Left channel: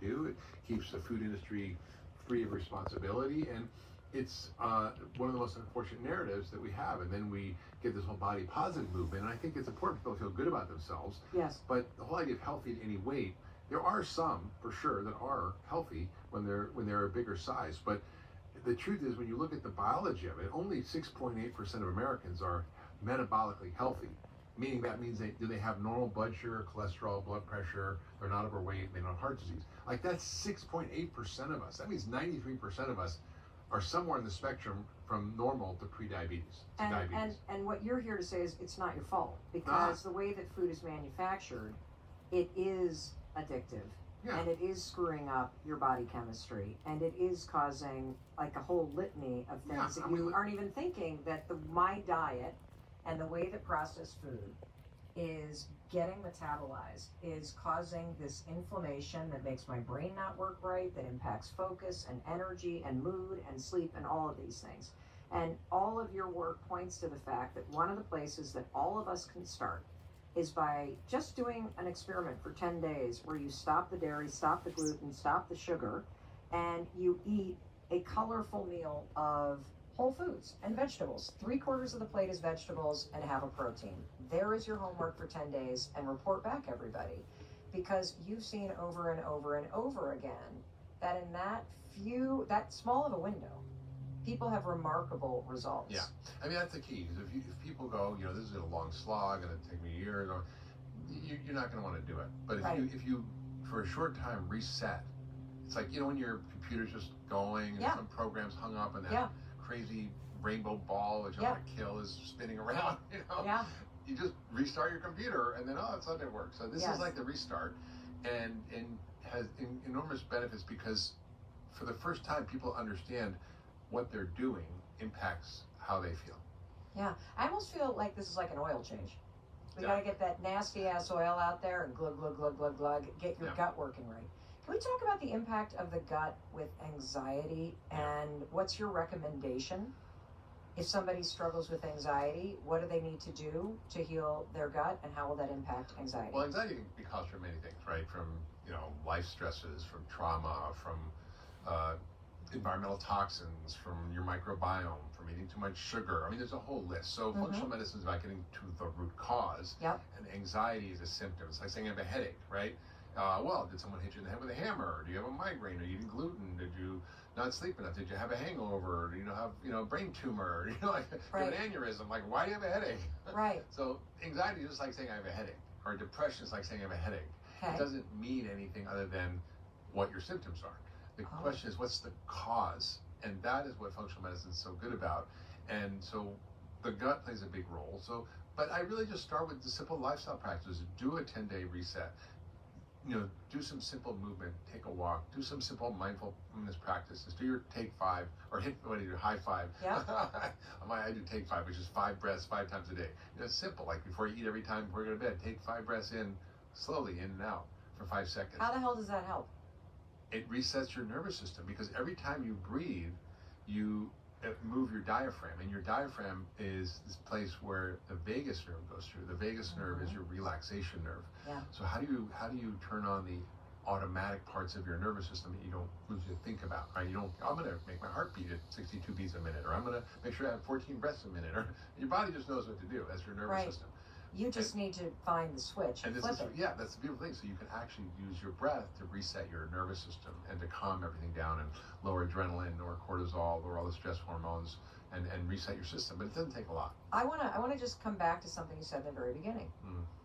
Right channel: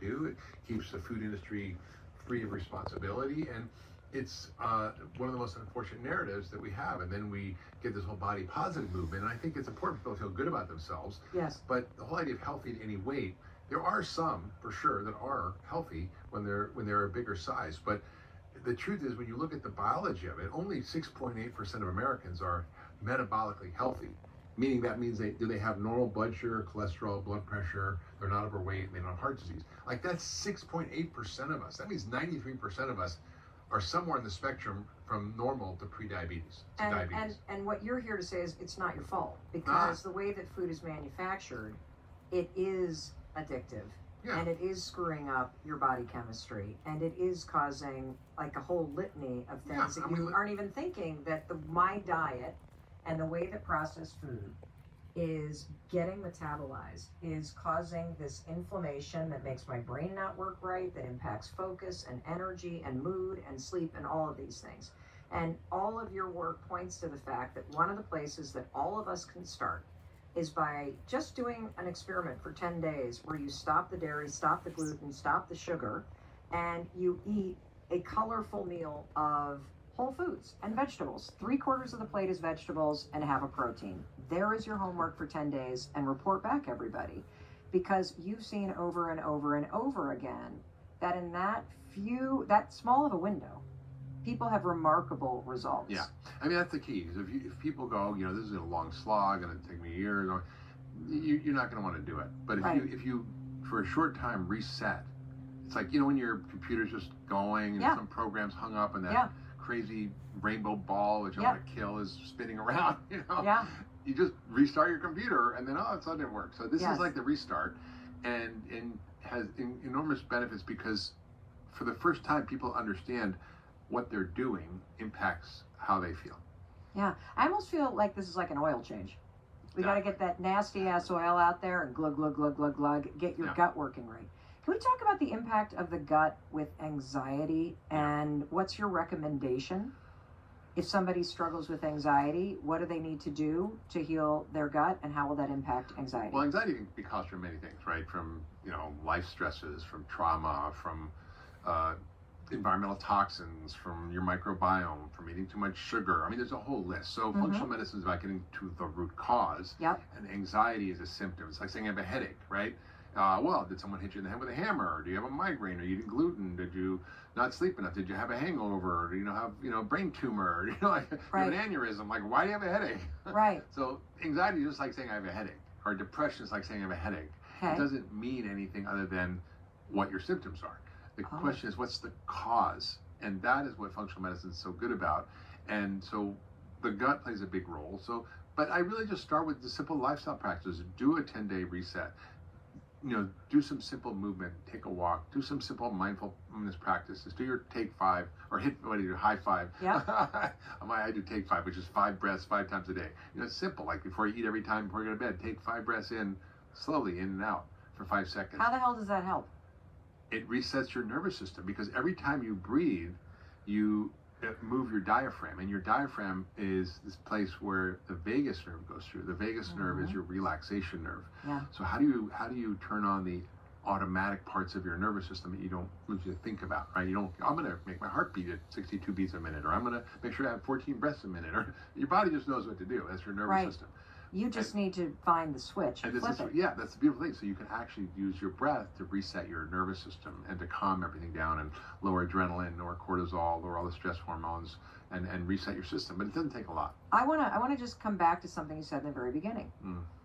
do. It keeps the food industry free of responsibility, and it's one of the most unfortunate narratives that we have. And then we get this whole body positive movement, and I think it's important for people to feel good about themselves. Yes. But the whole idea of healthy at any weight, there are some for sure that are healthy when they're a bigger size. But the truth is, when you look at the biology of it, only 6.8% of Americans are metabolically healthy. Meaning that means do they have normal blood sugar, cholesterol, blood pressure, they're not overweight, they don't have heart disease. Like that's 6.8% of us. That means 93% of us are somewhere in the spectrum from normal to pre-diabetes, to diabetes. And what you're here to say is it's not your fault, because the way that food is manufactured, it is addictive. Yeah. And it is screwing up your body chemistry, and it is causing like a whole litany of things that you aren't even thinking that my diet and the way that processed food is getting metabolized is causing this inflammation that makes my brain not work right, that impacts focus and energy and mood and sleep and all of these things. And all of your work points to the fact that one of the places that all of us can start is by just doing an experiment for 10 days where you stop the dairy, stop the gluten, stop the sugar, and you eat a colorful meal of whole foods and vegetables. 3/4 of the plate is vegetables and have a protein. There is your homework for 10 days, and report back, everybody, because you've seen over and over and over again that in that small of a window, people have remarkable results. Yeah, I mean that's the key. Is if people go, this is a long slog and it'll take me a year, you're not going to want to do it. But if you for a short time reset, it's like when your computer's just going and some program's hung up and that crazy rainbow ball that you want to kill is spinning around. You just restart your computer and then it suddenly works. So this is like the restart, and has enormous benefits because for the first time people understand what they're doing impacts how they feel. Yeah, I almost feel like this is like an oil change. We got to get that nasty ass oil out there and glug, glug, glug, glug, glug, get your gut working right. Can we talk about the impact of the gut with anxiety, and what's your recommendation? If somebody struggles with anxiety, what do they need to do to heal their gut, and how will that impact anxiety? Well, anxiety can be caused from many things, right? From, life stresses, from trauma, from environmental toxins, from your microbiome, from eating too much sugar. I mean, there's a whole list. So functional medicine is about getting to the root cause. Yep. And anxiety is a symptom. It's like saying I have a headache, right? Well, did someone hit you in the head with a hammer? Do you have a migraine? Are you eating gluten? Did you not sleep enough? Did you have a hangover? Do you have brain tumor? You have an aneurysm? Like, why do you have a headache? Right. So anxiety is just like saying I have a headache, or depression is like saying I have a headache. Okay. It doesn't mean anything other than what your symptoms are. The question is, what's the cause? And that is what functional medicine is so good about. And so the gut plays a big role. But I really just start with the simple lifestyle practices. Do a 10-day reset. Do some simple movement, take a walk, do some simple mindfulness practices, do your take 5 or your high 5. Yeah. I do take 5, which is 5 breaths 5 times a day. It's simple, like before you eat every time before you go to bed, take 5 breaths in, slowly in and out for 5 seconds. How the hell does that help? It resets your nervous system because every time you breathe, you move your diaphragm, and your diaphragm is this place where the vagus nerve goes through. The vagus nerve is your relaxation nerve. Yeah. So how do you turn on the automatic parts of your nervous system that you don't usually think about, right? I'm going to make my heart beat at 62 beats a minute, or I'm going to make sure I have 14 breaths a minute, or your body just knows what to do. That's your nervous system. You just need to find the switch and flip it. Yeah, that's the beautiful thing. So you can actually use your breath to reset your nervous system and to calm everything down and lower adrenaline, lower cortisol, lower all the stress hormones, and reset your system. But it doesn't take a lot. I wanna just come back to something you said in the very beginning.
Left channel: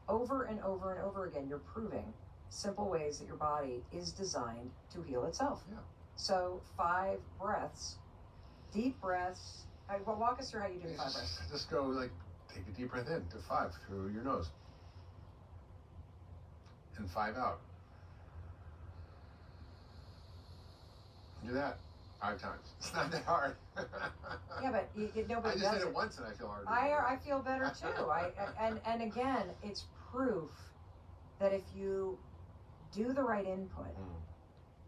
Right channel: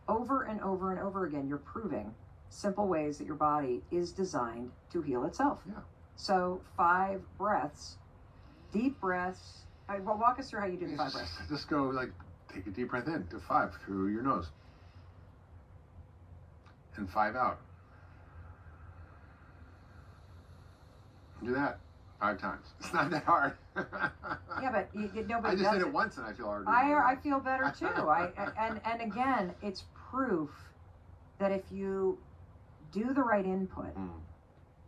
Over and over and over again, you're proving simple ways that your body is designed to heal itself. Yeah. So 5 breaths, deep breaths. Well, walk us through how you do the 5 breaths. Just go take a deep breath in to 5 through your nose. And 5 out. Do that 5 times. It's not that hard. Yeah, but nobody I just did it once and I feel hard. I feel better too. And again, it's proof that if you do the right input,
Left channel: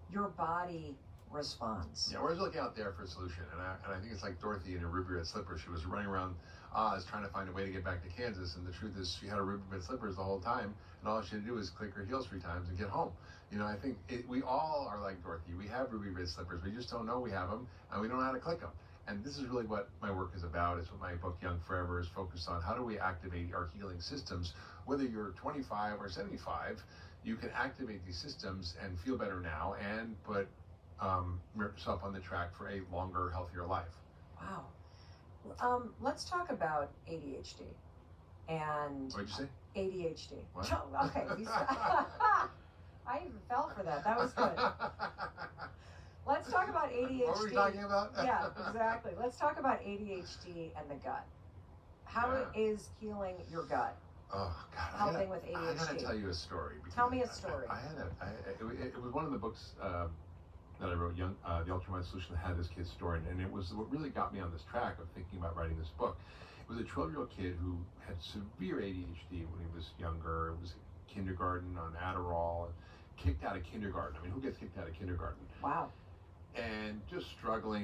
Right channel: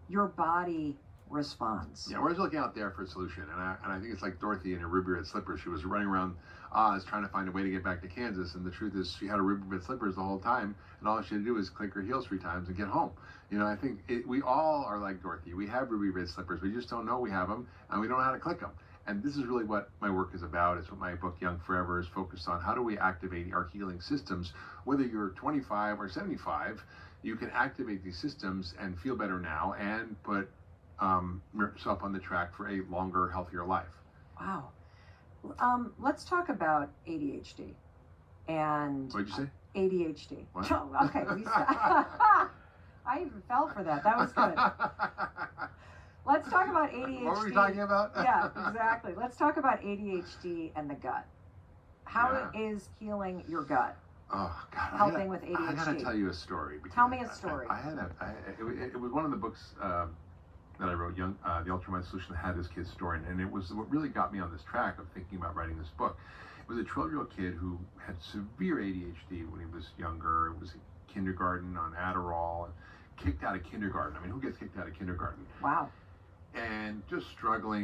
your body responds. Yeah, we're just looking out there for a solution. And I think it's like Dorothy in her ruby red slippers. She was running around Oz trying to find a way to get back to Kansas. And the truth is she had her ruby red slippers the whole time. And all she had to do was click her heels 3 times and get home. You know, I think we all are like Dorothy. We have ruby red slippers. We just don't know we have them, and we don't know how to click them. And this is really what my work is about. It's what my book, Young Forever, is focused on. How do we activate our healing systems? Whether you're 25 or 75, you can activate these systems and feel better now and put yourself on the track for a longer, healthier life. Wow. Let's talk about ADHD. And What did you say? ADHD. What? Oh, okay. I even fell for that. That was good. Let's talk about ADHD. What were we talking about? Yeah, exactly. Let's talk about ADHD and the gut. How is healing your gut Oh God! helping with ADHD? I gotta tell you a story. Tell me a story. It was one of the books that I wrote, The Ultimate Solution, that had this kid's story, and it was what really got me on this track of thinking about writing this book. It was a 12-year-old kid who had severe ADHD when he was younger. It was kindergarten on Adderall, and kicked out of kindergarten. I mean, who gets kicked out of kindergarten? Wow. And just struggling.